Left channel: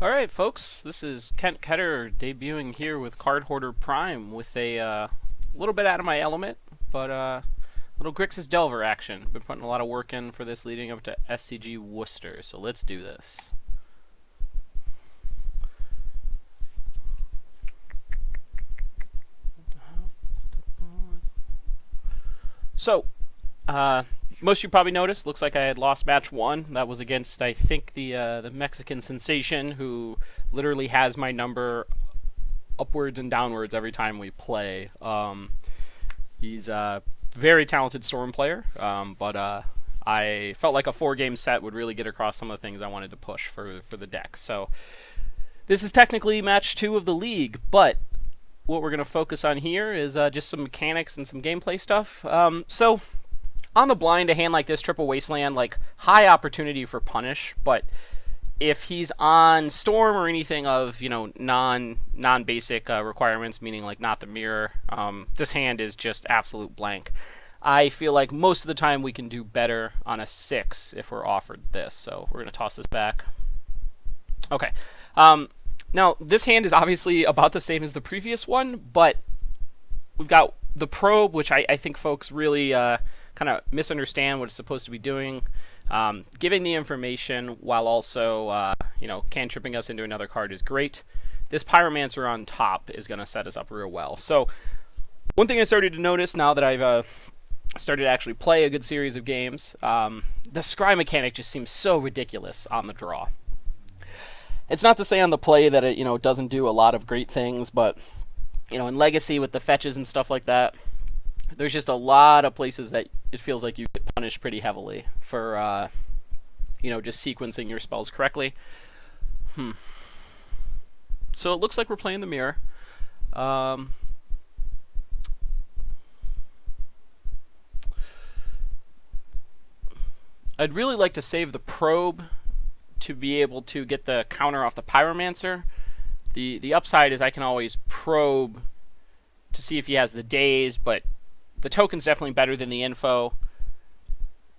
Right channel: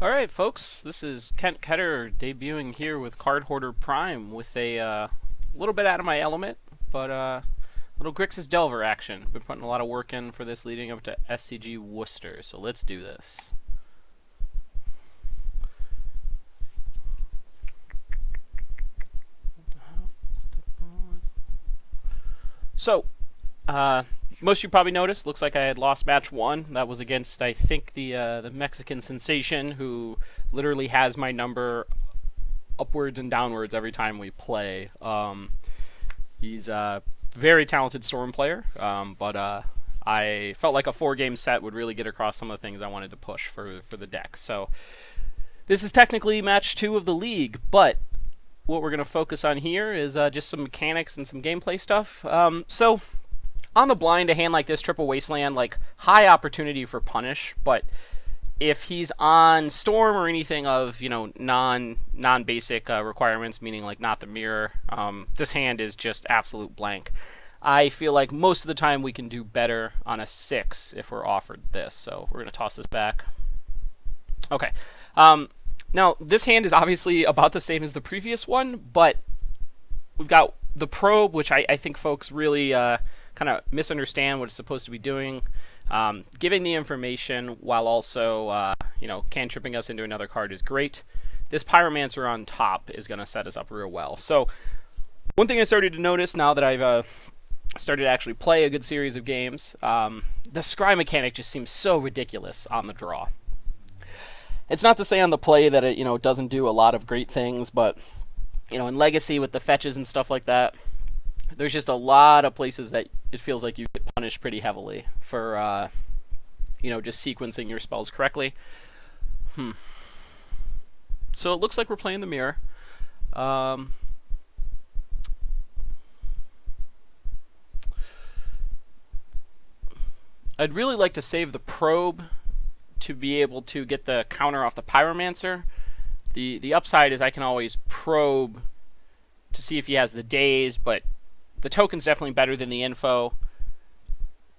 Alright, folks, this is Ketter debuting here with Card Hoarder Prime with a little bit out of my element, but little Grixis Delver action. Been putting a lot of work in for this leading up to SCG Worcester, so let's do this. So, most of you probably noticed, looks like I had lost match one. That was against, I think, the Mexican sensation, who literally has my number upwards and downwards every time we play. He's a very talented Storm player, but I felt like a 4-game set would really get across some of the things I wanted to push for the deck. So this is technically match 2 of the league, but what we're going to focus on here is just some mechanics and some gameplay stuff. So on the blind, a hand like this, Triple Wasteland, like high opportunity for punish, but if he's on Storm or anything of non-basic requirements, meaning like not the mirror, this hand is just absolute blank. I feel like most of the time we can do better on a 6 if we're offered this, so we're going to toss this back. Okay. Now, this hand is obviously about the same as the previous one, but we've got the probe, which I think folks really kind of misunderstand what it's supposed to be doing. Giving the information while also, cantripping us into another card is great. This Pyromancer on top is going to set us up real well. So, one thing I started to notice now that I've started to actually play a good series of games, the scry mechanic just seems so ridiculous on the draw. It's not to say on the play that it doesn't do a lot of great things, but in Legacy with the fetches and stuff like that, there's just a lot of places that it feels like you get punished pretty heavily for just sequencing your spells correctly. So it looks like we're playing the mirror. I'd really like to save the probe to be able to get the counter off the Pyromancer. The upside is I can always probe to see if he has the daze, but the token's definitely better than the info.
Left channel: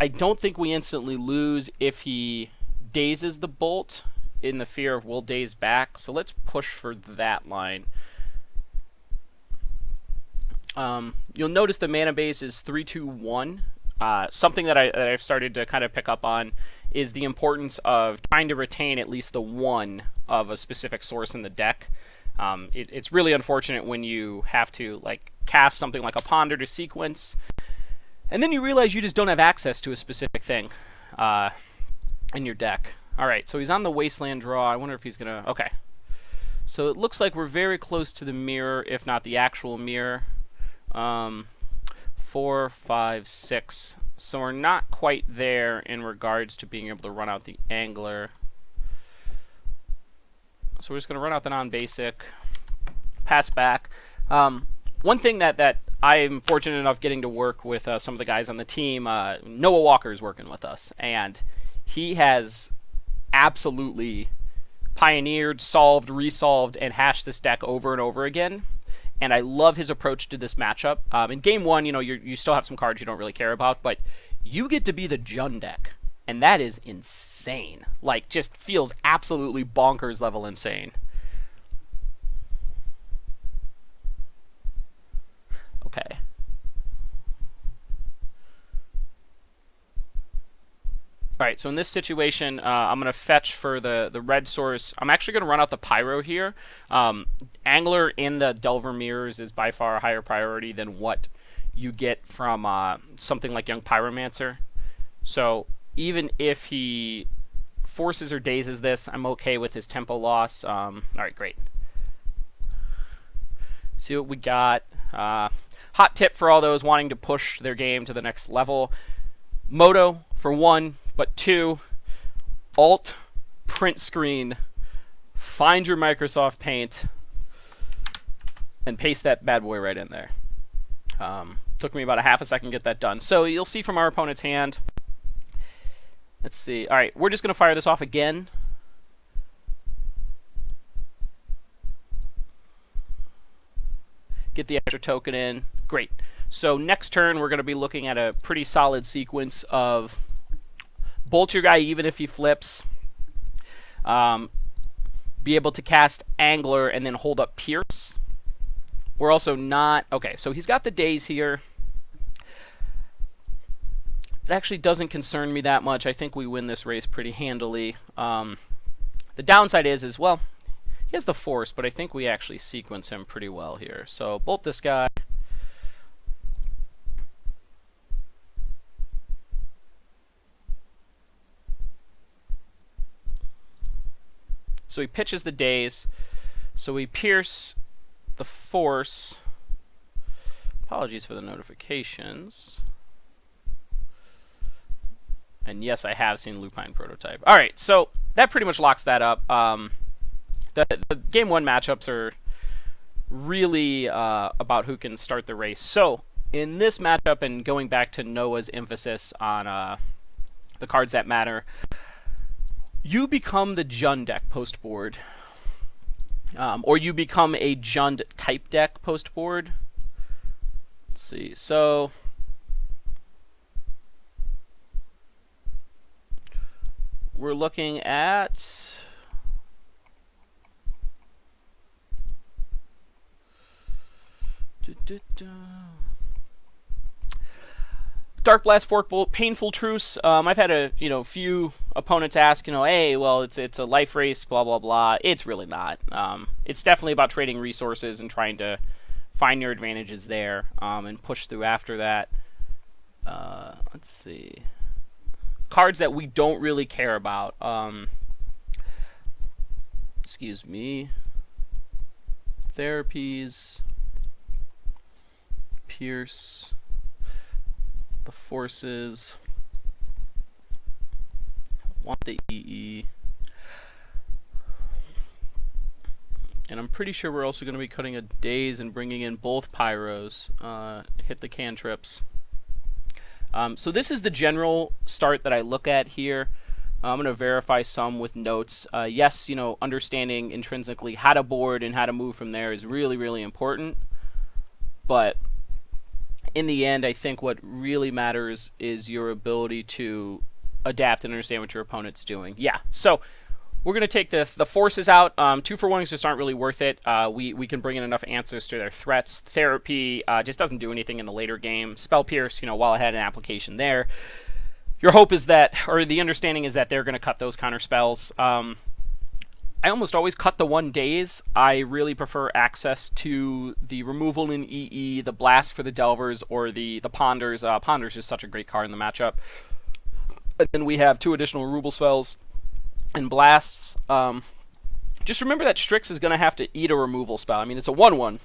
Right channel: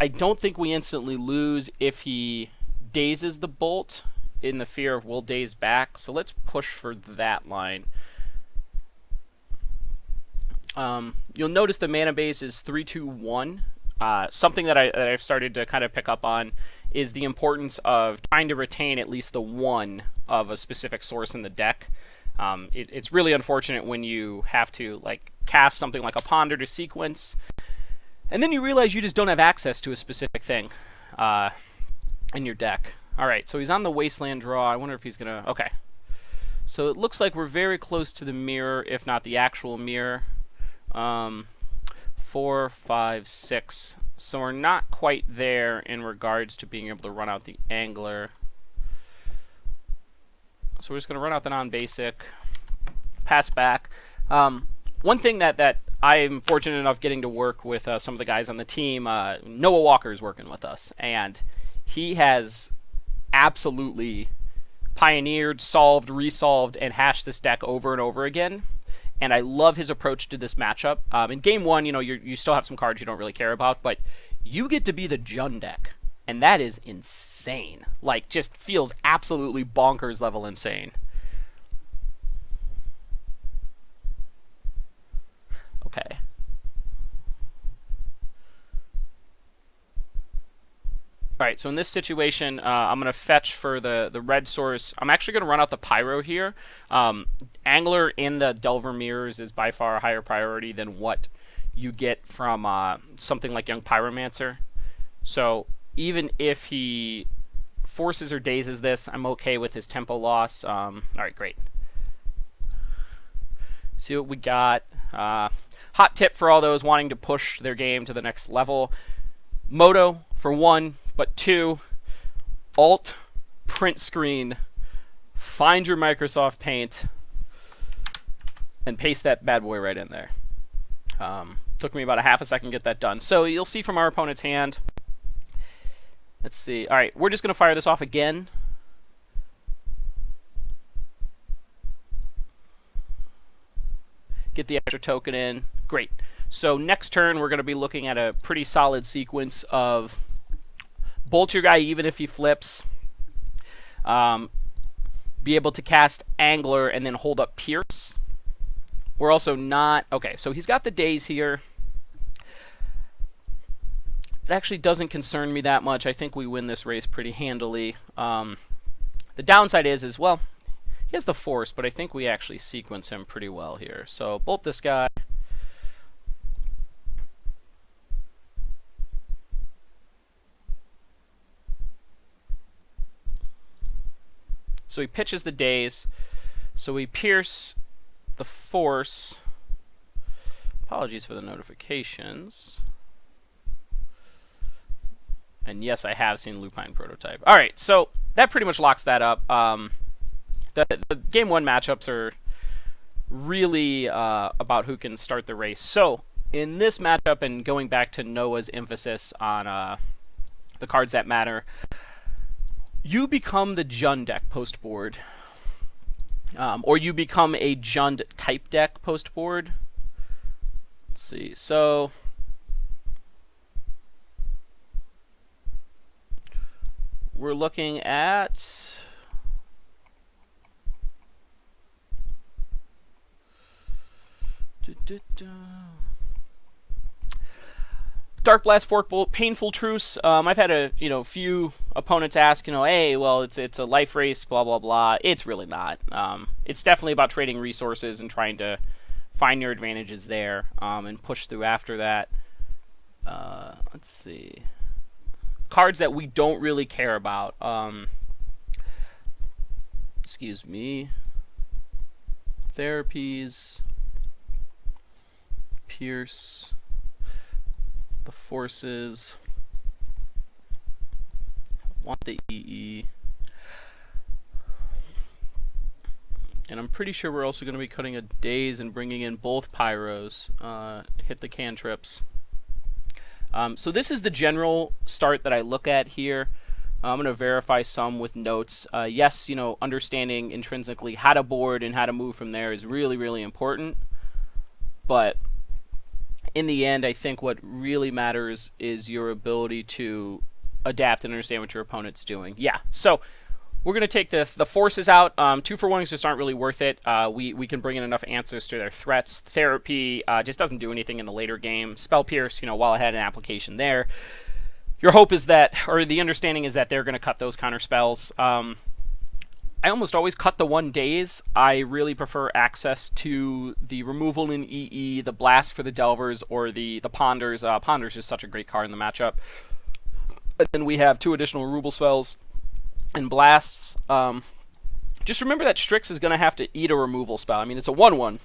I don't think we instantly lose if he dazes the bolt in the fear of we'll daze back, so let's push for that line. You'll notice the mana base is 3-2-1. Something that I've started to kind of pick up on is the importance of trying to retain at least the one of a specific source in the deck. It's really unfortunate when you have to cast something like a Ponder to sequence, and then you realize you just don't have access to a specific thing in your deck. Alright, so he's on the Wasteland draw. I wonder if he's going to... Okay. So it looks like we're very close to the mirror, if not the actual mirror. 4, 5, 6. So we're not quite there in regards to being able to run out the Angler. So we're just going to run out the non-basic, pass back. One thing that I'm fortunate enough getting to work with some of the guys on the team, Noah Walker is working with us, and he has absolutely pioneered, solved, resolved, and hashed this deck over and over again. And I love his approach to this matchup. In game 1, you still have some cards you don't really care about, but you get to be the Jun deck. And that is insane. Just feels absolutely bonkers level insane. Okay. Alright, so in this situation, I'm going to fetch for the red source. I'm actually going to run out the Pyro here. Angler in the Delver mirrors is by far a higher priority than what you get from something like Young Pyromancer. So even if he forces or dazes this, I'm okay with his tempo loss. Alright, great. See what we got. Hot tip for all those wanting to push their game to the next level. Moto for 1. But 2, Alt, print screen, find your Microsoft Paint, and paste that bad boy right in there. Took me about a half a second to get that done. So you'll see from our opponent's hand. Let's see. All right, we're just going to fire this off again. Get the extra token in. Great. So next turn, we're going to be looking at a pretty solid sequence of... Bolt your guy even if he flips. be able to cast Angler and then hold up Pierce. We're also not... Okay, so he's got the daze here. It actually doesn't concern me that much. I think we win this race pretty handily. The downside is, well, he has the Force, but I think we actually sequence him pretty well here. So bolt this guy. So he pitches the daze. So we pierce the Force. Apologies for the notifications. And yes, I have seen Lupine Prototype. All right, so that pretty much locks that up. The Game 1 matchups are really about who can start the race. So in this matchup, and going back to Noah's emphasis on the cards that matter, you become the Jund deck post-board. Or you become a Jund type deck post-board. Let's see, so... we're looking at... Dark Blast, Fork Bolt, Painful Truce. I've had a few opponents ask, hey, well, it's a life race, blah blah blah. It's really not. It's definitely about trading resources and trying to find your advantages there, and push through after that. Let's see. Cards that we don't really care about. Excuse me. Therapies. Pierce. The Forces. Want the EE. And I'm pretty sure we're also going to be cutting a Daze and bringing in both Pyros. Hit the cantrips. So this is the general start that I look at here. I'm going to verify some with notes. Yes, understanding intrinsically how to board and how to move from there is really, really important. But in the end, I think what really matters is your ability to adapt and understand what your opponent's doing. Yeah, so we're going to take the Forces out. 2-for-1s just aren't really worth it. We can bring in enough answers to their threats. Therapy just doesn't do anything in the later game. Spell Pierce, while I had an application there. Your hope is that, or the understanding is that they're going to cut those counter spells. I almost always cut the 1 Daze. I really prefer access to the removal in EE, the Blast for the Delvers, or the Ponders. Ponders is such a great card in the matchup. And then we have 2 additional removal spells and blasts. Just remember that Strix is going to have to eat a removal spell. I mean, it's a 1/1,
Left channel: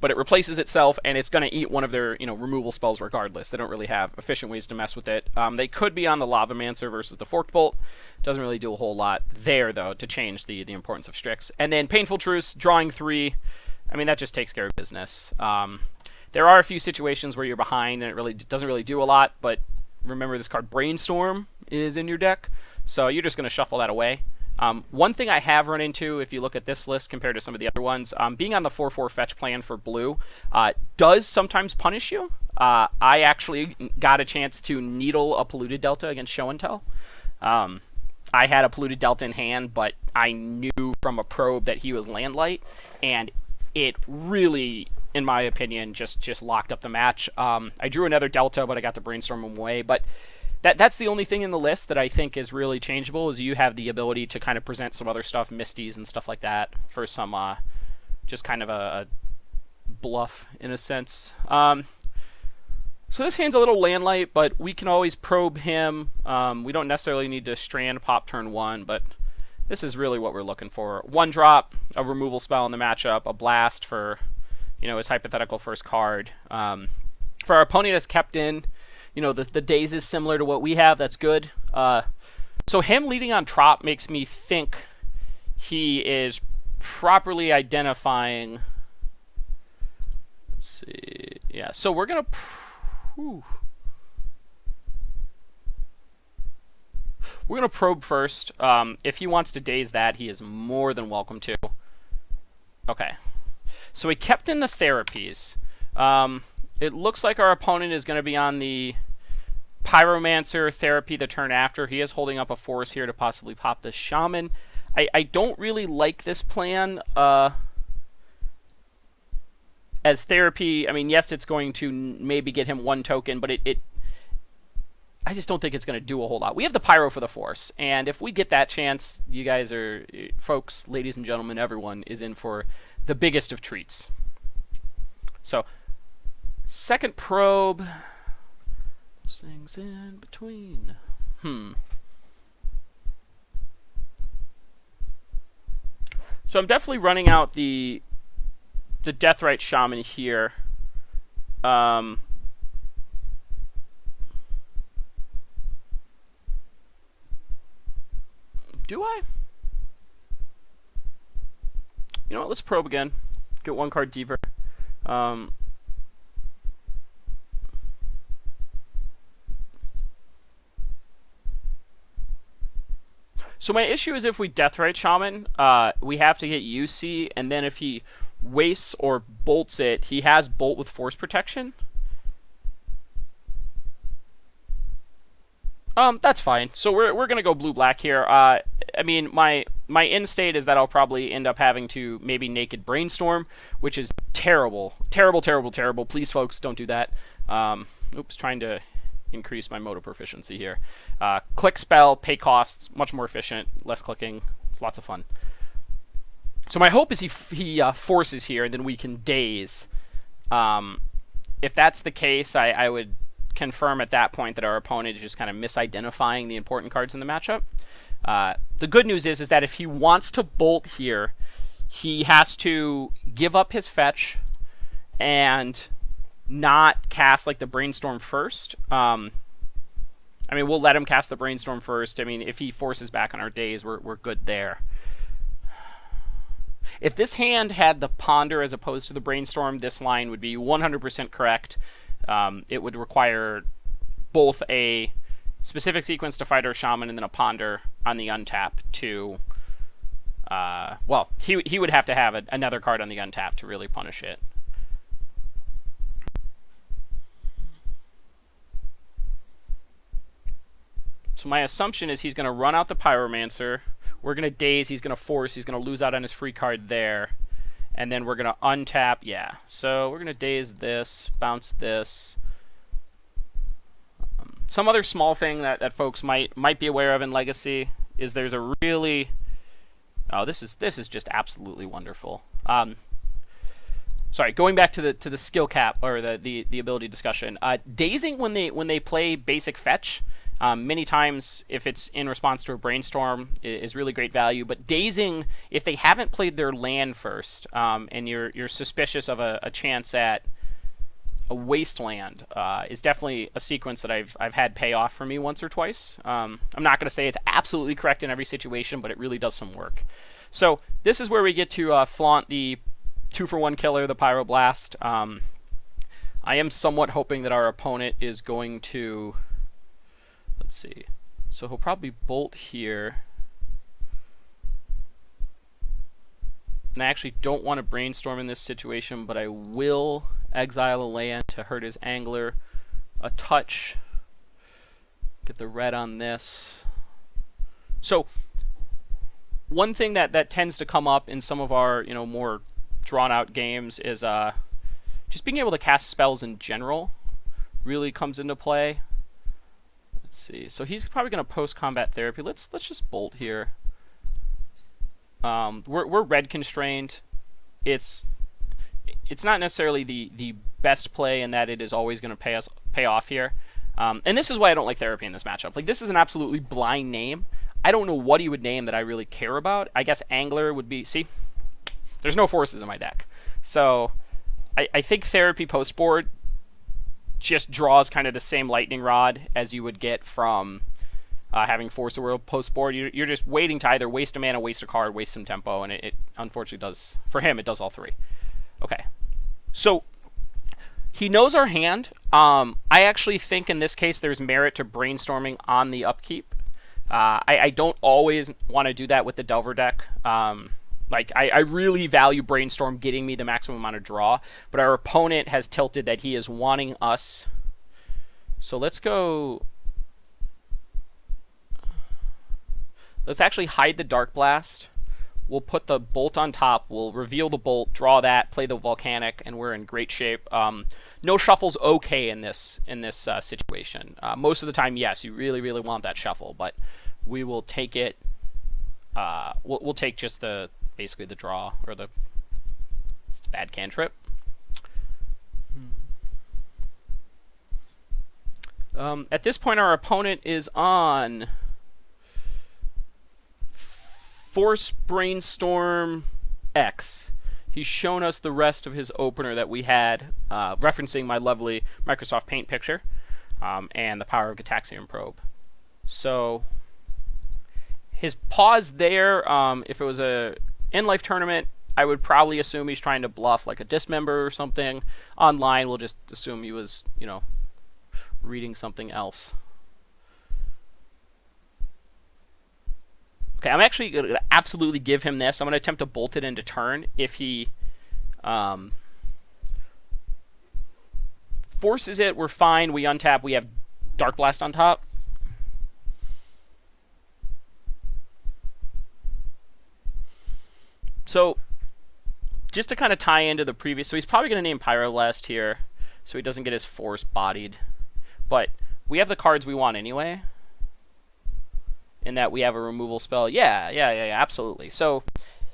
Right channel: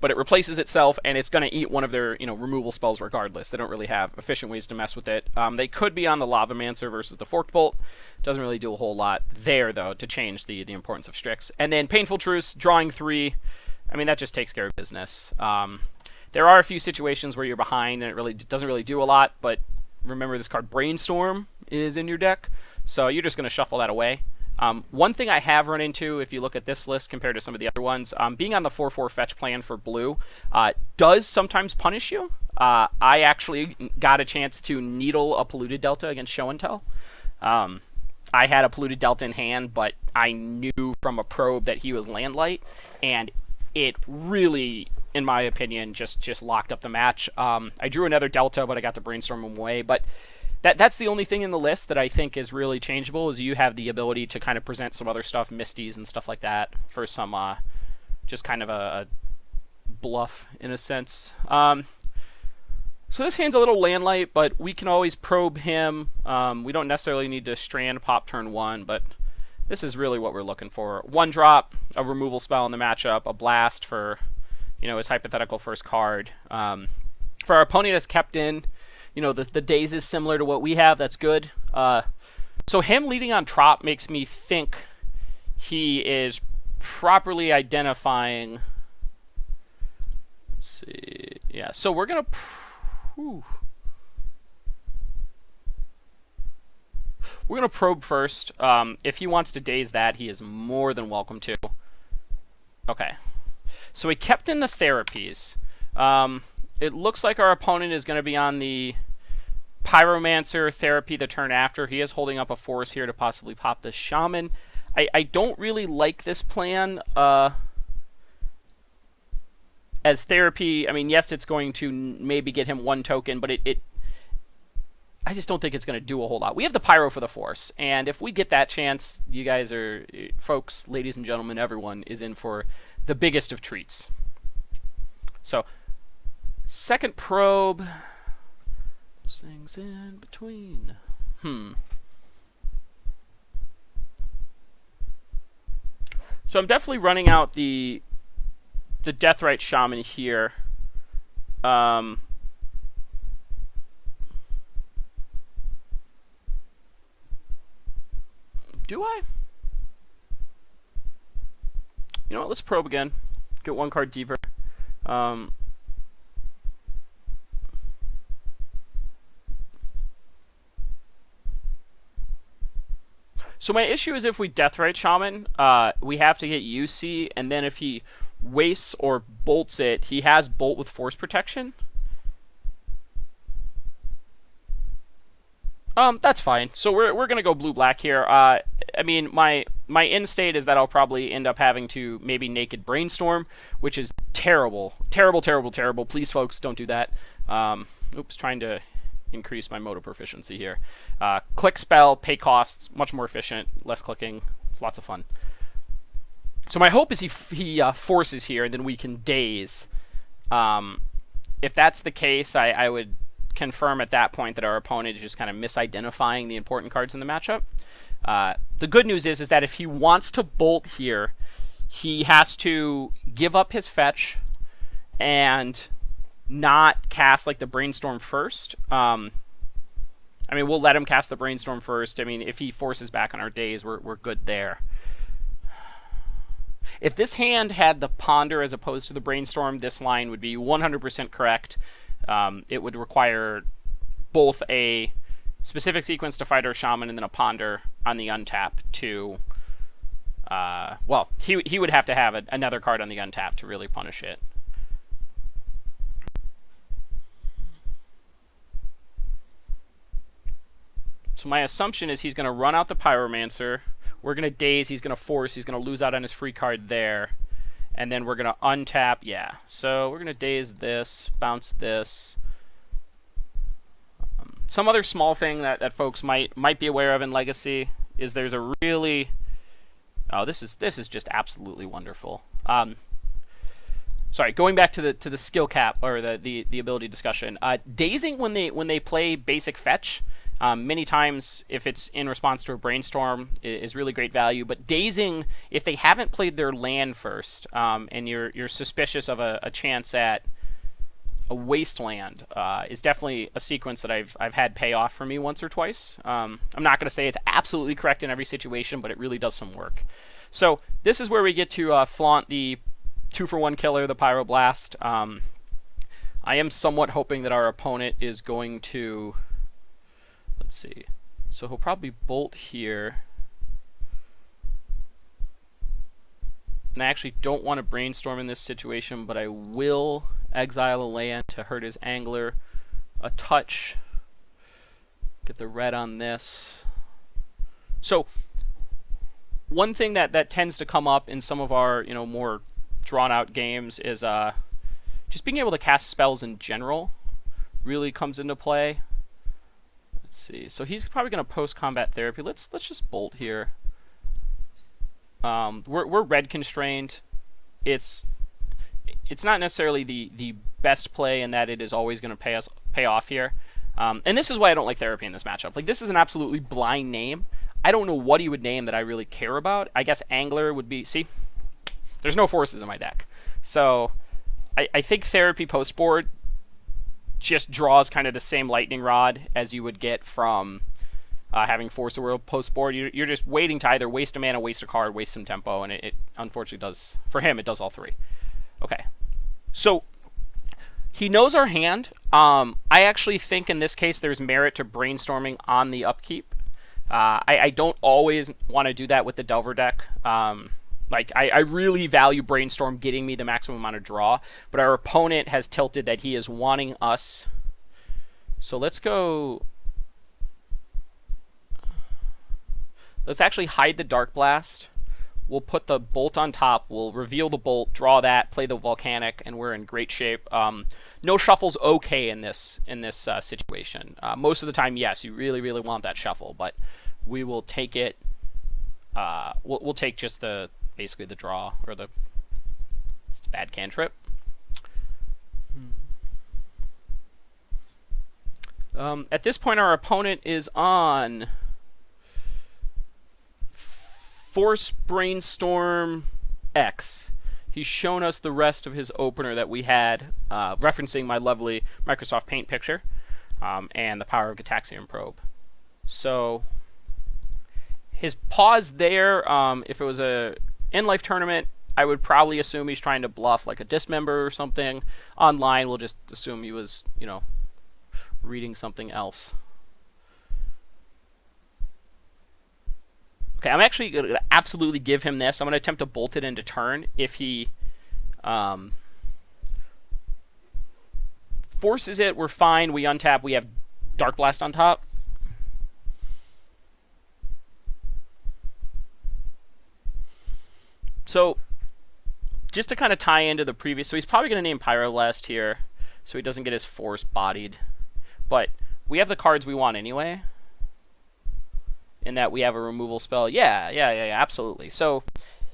but it replaces itself, and it's going to eat one of their removal spells regardless. They don't really have efficient ways to mess with it. They could be on the Lavamancer versus the Forked Bolt. Doesn't really do a whole lot there, though, to change the importance of Strix. And then Painful Truce, drawing 3. I mean, that just takes care of business. There are a few situations where you're behind, and it really doesn't really do a lot, but remember this card Brainstorm is in your deck, so you're just going to shuffle that away. One thing I have run into, if you look at this list compared to some of the other ones, being on the 4/4 fetch plan for blue does sometimes punish you. I actually got a chance to needle a Polluted Delta against Show and Tell. I had a Polluted Delta in hand, but I knew from a probe that he was Landlight, and it really, in my opinion, just locked up the match. I drew another Delta, but I got to brainstorm him away. But that's the only thing in the list that I think is really changeable, is you have the ability to kind of present some other stuff, Misties and stuff like that, for some just kind of a bluff in a sense. So this hand's a little Landlight, but we can always probe him. We don't necessarily need to Strand pop turn 1, but this is really what we're looking for. 1 drop, a removal spell in the matchup, a blast for his hypothetical first card. For our opponent that's kept in, the Daze is similar to what we have. That's good. So him leading on Trop makes me think he is properly identifying. Let's see. Yeah, so we're going to... We're going to probe first. If he wants to Daze that, he is more than welcome to. Okay. So we kept in the Therapies. It looks like our opponent is going to be on the Pyromancer Therapy the turn after. He is holding up a force here to possibly pop the Shaman. I don't really like this plan. As Therapy, I mean, yes, it's going to maybe get him 1 token, but I just don't think it's going to do a whole lot. We have the Pyro for the Force, and if we get that chance, you guys are, folks, ladies and gentlemen, everyone is in for the biggest of treats. So, second probe. Those things in between. So I'm definitely running out the Deathrite Shaman here. Do I? You know what? Let's probe again. Get 1 card deeper. So my issue is if we Deathrite Shaman, we have to get UC, and then if he wastes or bolts it, he has Bolt with Force Protection. That's fine. So we're gonna go blue-black here. I mean, my end state is that I'll probably end up having to maybe Naked Brainstorm, which is terrible. Terrible, terrible, terrible. Please, folks, don't do that. Oops, trying to increase my motor proficiency here. Click spell, pay costs, much more efficient, less clicking. It's lots of fun. So my hope is he forces here, and then we can daze. If that's the case, I would confirm at that point that our opponent is just kind of misidentifying the important cards in the matchup. The good news is that if he wants to bolt here, he has to give up his fetch and not cast like the Brainstorm first. I mean, we'll let him cast the Brainstorm first. I mean, if he forces back on our days, we're good there. If this hand had the Ponder as opposed to the Brainstorm, this line would be 100% correct. It would require both a specific sequence to fight our Shaman and then a Ponder on the untap to... well, he would have to have another card on the untap to really punish it. So my assumption is he's going to run out the Pyromancer. We're going to daze. He's going to force. He's going to lose out on his free card there. And then we're going to untap. Yeah. So we're going to daze this, bounce this. Some other small thing that folks might be aware of in Legacy is there's a really... Oh, this is just absolutely wonderful. Sorry, going back to the skill cap or the ability discussion. Dazing when they play basic fetch. Many times, if it's in response to a Brainstorm, is really great value. But dazing, if they haven't played their land first, and you're suspicious of a chance at a Wasteland, is definitely a sequence that I've had pay off for me once or twice. I'm not going to say it's absolutely correct in every situation, but it really does some work. So this is where we get to flaunt the 2-for-1 killer, the Pyroblast. I am somewhat hoping that our opponent is going to... Let's see. So he'll probably bolt here. And I actually don't want to Brainstorm in this situation, but I will exile a land to hurt his Angler a touch. Get the red on this. So one thing that tends to come up in some of our more drawn out games is just being able to cast spells in general really comes into play. Let's see. So he's probably going to post-combat therapy. Let's just bolt here. We're red constrained. It's not necessarily the best play in that it is always going to pay off here. And this is why I don't like therapy in this matchup. Like, this is an absolutely blind name. I don't know what he would name that I really care about. I guess Angler would be... See? There's no forces in my deck. So I think therapy post-board just draws kind of the same lightning rod as you would get from having Force of Will post-board. You're just waiting to either waste a mana, waste a card, waste some tempo, and it unfortunately does... For him, it does all three. Okay. So he knows our hand. I actually think in this case there's merit to Brainstorming on the upkeep. I don't always want to do that with the Delver deck. Like, I really value Brainstorm getting me the maximum amount of draw, but our opponent has tilted that he is wanting us. So let's go Let's actually hide the Dark Blast. We'll put the bolt on top. We'll reveal the bolt, draw that, play the volcanic, and we're in great shape. No shuffle's okay in this situation. Most of the time, yes, you really, really want that shuffle, but we will take it. We'll take just basically the draw or it's a bad cantrip. At this point, our opponent is on Force Brainstorm X. He's shown us the rest of his opener that we had, referencing my lovely Microsoft Paint picture, and the power of Gitaxian Probe. So his pause there, if it was a in-life tournament, I would probably assume he's trying to bluff like a dismember or something. Online, we'll just assume he was, reading something else. Okay, I'm actually going to absolutely give him this. I'm going to attempt to bolt it into turn. If he forces it, we're fine. We untap. We have Dark Blast on top. So, just to kind of tie into the previous... So he's probably going to name Pyroblast here so he doesn't get his force bodied. But we have the cards we want anyway. In that we have a removal spell. Yeah, absolutely. So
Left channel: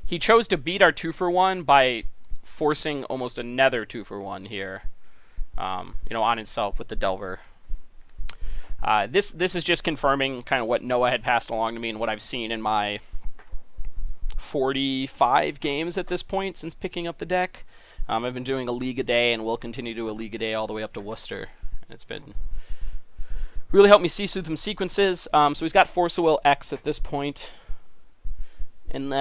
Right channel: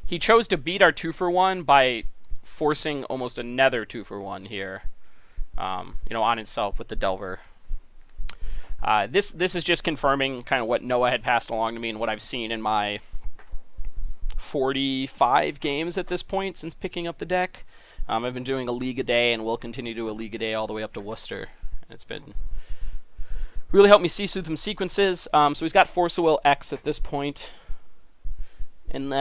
he chose to beat our 2-for-1 by forcing almost another 2-for-1 here, on himself with the Delver. This is just confirming kind of what Noah had passed along to me and what I've seen in my 45 games at this point since picking up the deck. I've been doing a league a day and will continue to do a league a day all the way up to Worcester. It's been really helped me see through some sequences. So he's got Force of Will X at this point. And,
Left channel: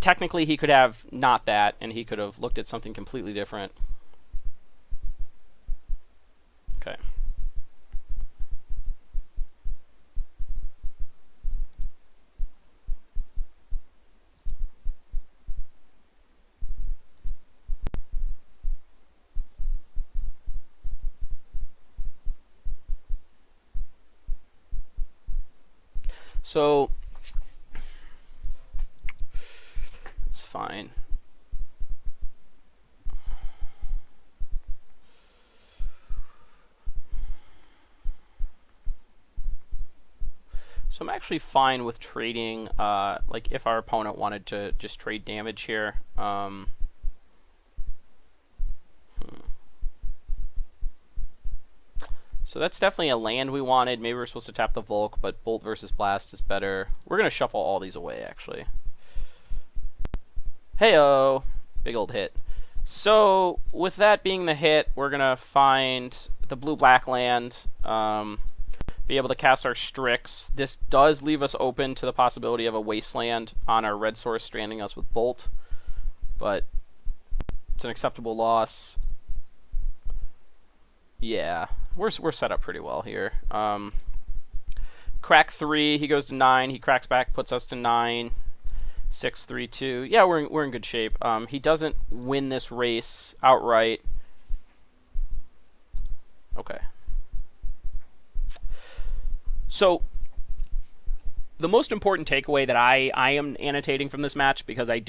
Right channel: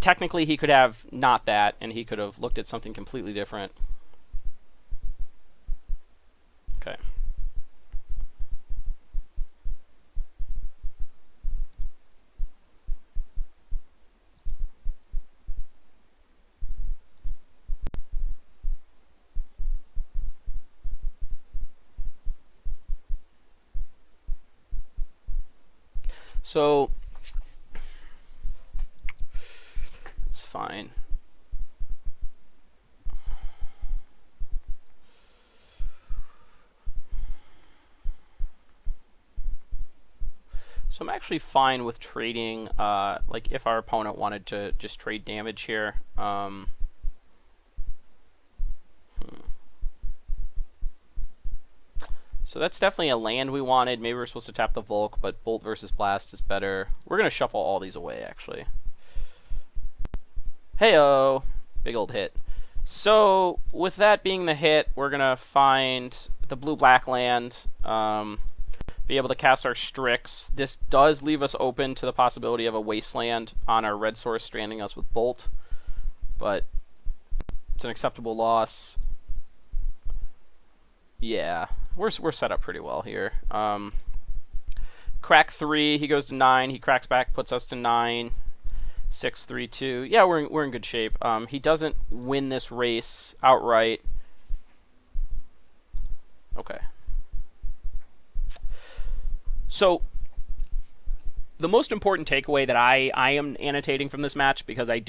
technically he could have not that, and he could have looked at something completely different. Okay. So it's fine. So I'm actually fine with trading, like if our opponent wanted to just trade damage here. So that's definitely a land we wanted. Maybe we're supposed to tap the Volk, but Bolt versus Blast is better. We're going to shuffle all these away, actually. Heyo! Big old hit. So, with that being the hit, we're going to find the blue-black land, be able to cast our Strix. This does leave us open to the possibility of a Wasteland on our red source, stranding us with Bolt, but it's an acceptable loss. Yeah. We're set up pretty well here. Crack 3, he goes to 9. He cracks back, puts us to 9. 6, 3, 2. Yeah, we're in good shape. He doesn't win this race outright. Okay. So the most important takeaway that I am annotating from this match, because I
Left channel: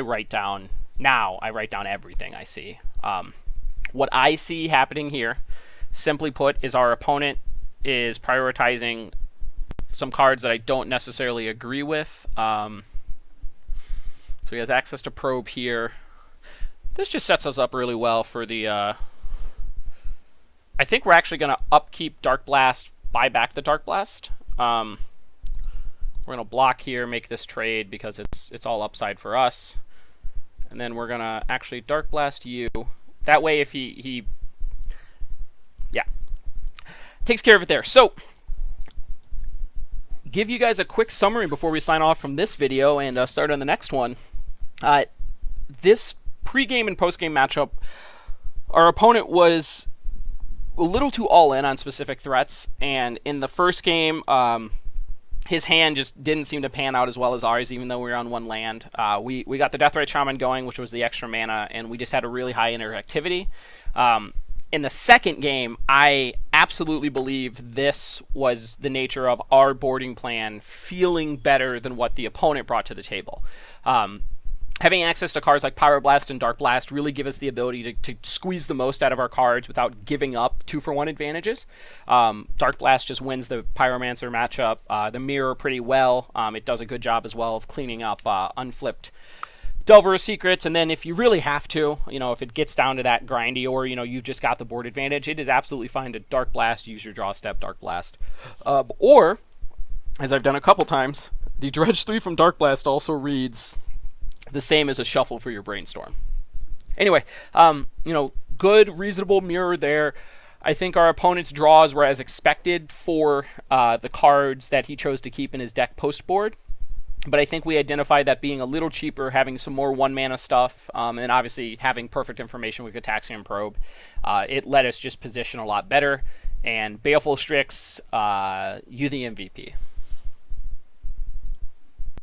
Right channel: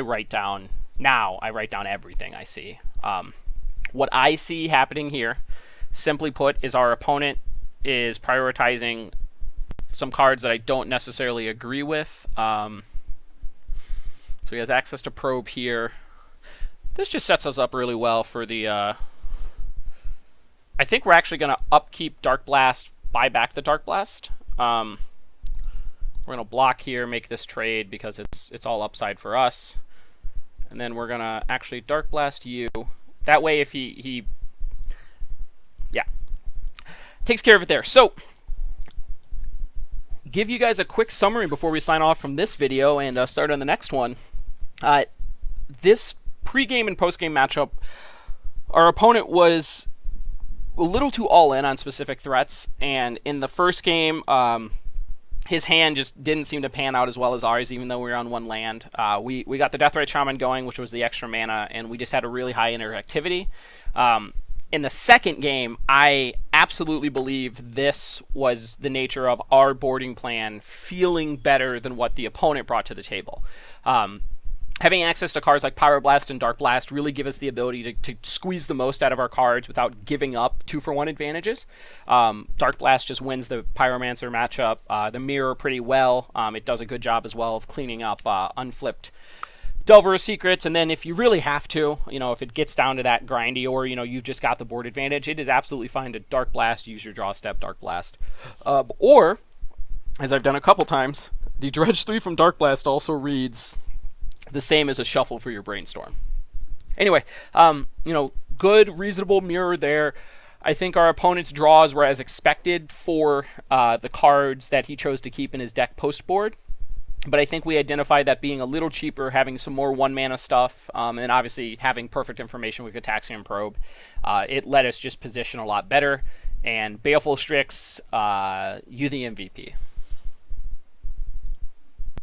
write down everything I see. What I see happening here, simply put, is our opponent is prioritizing some cards that I don't necessarily agree with. So he has access to Probe here. This just sets us up really well for the... I think we're actually going to upkeep Dark Blast, buy back the Dark Blast. We're going to block here, make this trade because it's all upside for us. And then we're going to actually Dark Blast you. That way if he takes care of it there. So, give you guys a quick summary before we sign off from this video and start on the next one. This pregame and postgame matchup, our opponent was a little too all-in on specific threats, and in the first game, his hand just didn't seem to pan out as well as ours, even though we were on one land. We got the Deathrite Shaman going, which was the extra mana, and we just had a really high interactivity. in the second game, I absolutely believe this was the nature of our boarding plan feeling better than what the opponent brought to the table. Having access to cards like Pyroblast and Dark Blast really give us the ability to squeeze the most out of our cards without giving up 2-for-1 advantages. Dark Blast just wins the Pyromancer matchup. The Mirror pretty well. It does a good job as well of cleaning up unflipped Delver secrets, and then if you really have to, if it gets down to that grindy, or you've just got the board advantage, it is absolutely fine to Dark Blast, use your draw step, Dark Blast, or as I've done a couple times, the Dredge 3 from Dark Blast also reads the same as a shuffle for your Brainstorm. Anyway, good, reasonable mirror there. I think our opponent's draws were as expected for the cards that he chose to keep in his deck post-board. But I think we identified that being a little cheaper, having some more 1-mana stuff, and obviously having perfect information with Gitaxian Probe, it let us just position a lot better. And Baleful Strix, you the MVP.